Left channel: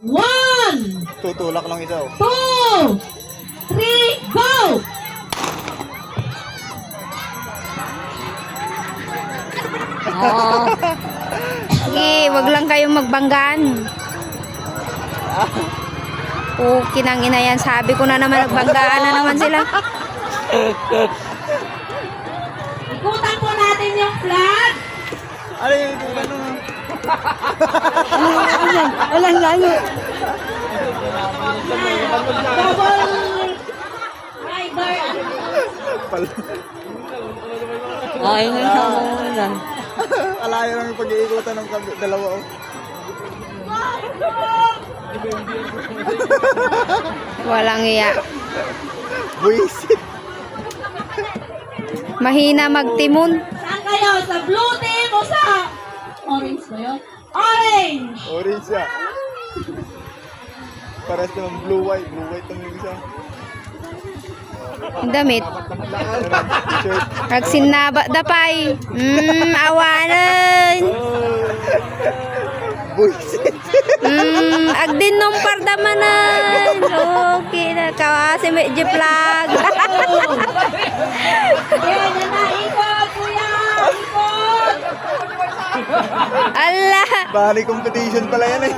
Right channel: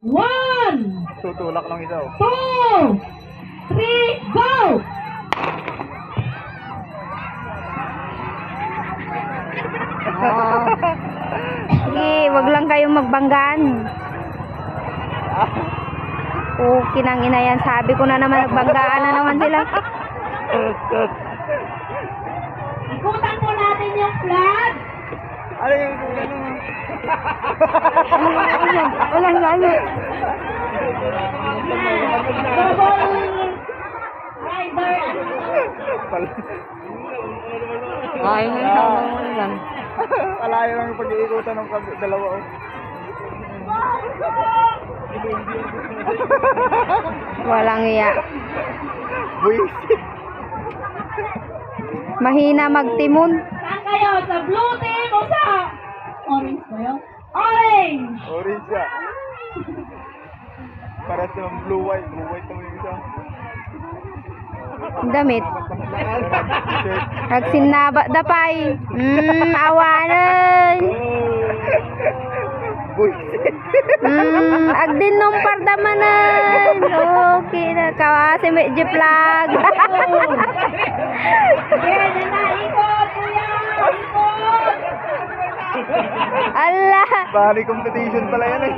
1, Tutulak lang ito. 2, 3, go! Sige, wag lang kayong magbanggaan. Okay nang ina yan. Sabi ko na naman, nagbanggaan na naman sila. Ikutan po natin yung flag. Ano yung ganun? Walang lalo. Double rider. Ayaw na sa yan. Alayo lang yung pag-iikutan ng dalawa. Walang iya. Buisit. Mahina magtimon. Saan kayo? Sa blue team o sa orange ba yun? Orange! Orange siya. Paras naman blue white. Blue white naman yung isa. Ang damit. Shirt. Nagsinaba dapay. Awanan. Buisit. Agdin nung pardamanan. Okay na. Kawasi medyo flag. Yan, yan na. Ikot, kuya! Ikot! Allah. Bali competition pala yan eh.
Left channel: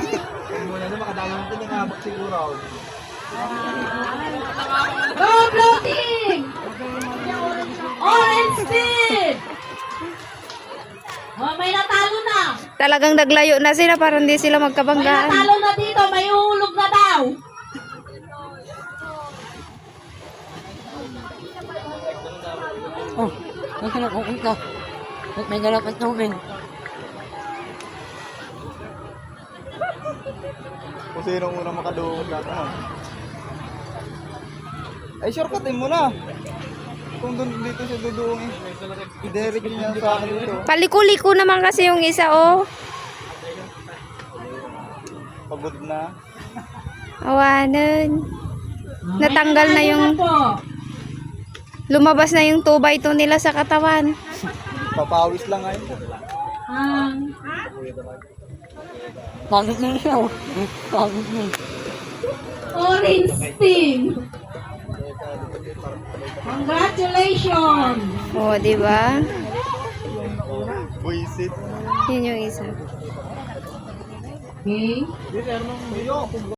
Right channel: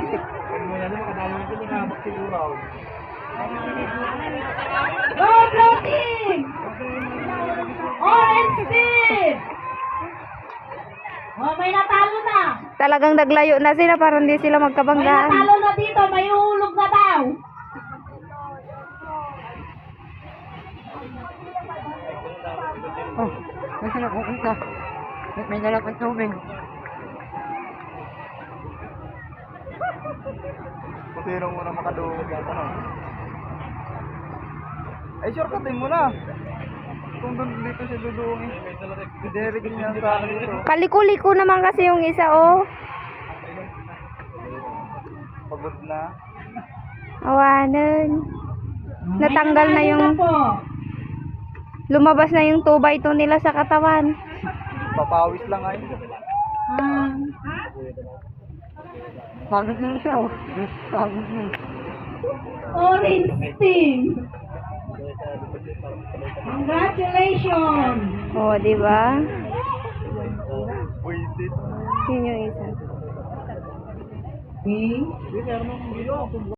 Go, blue team! Orange team! Oh, may natalo na. Talagang naglayo na sila para hindi sila May magkabanggaan. natalo na dito. May uhulog na daw. May galap at tubig. Kasi nung unang makaduwag lahat. Ay, shortcutin mo na. Kung doon dito siya duduong eh. Direct niya sa akin dito. Kaliko-liko naman kasi yung isa, oh. Pagod na. Awanan. Natanggal na yung, po. lumabas na yung 2x2 nila sa katawan. Papawis lang ngayon. Orange team. Congratulations. Oh, di ba? Buisit. Yun yung isa. Okay.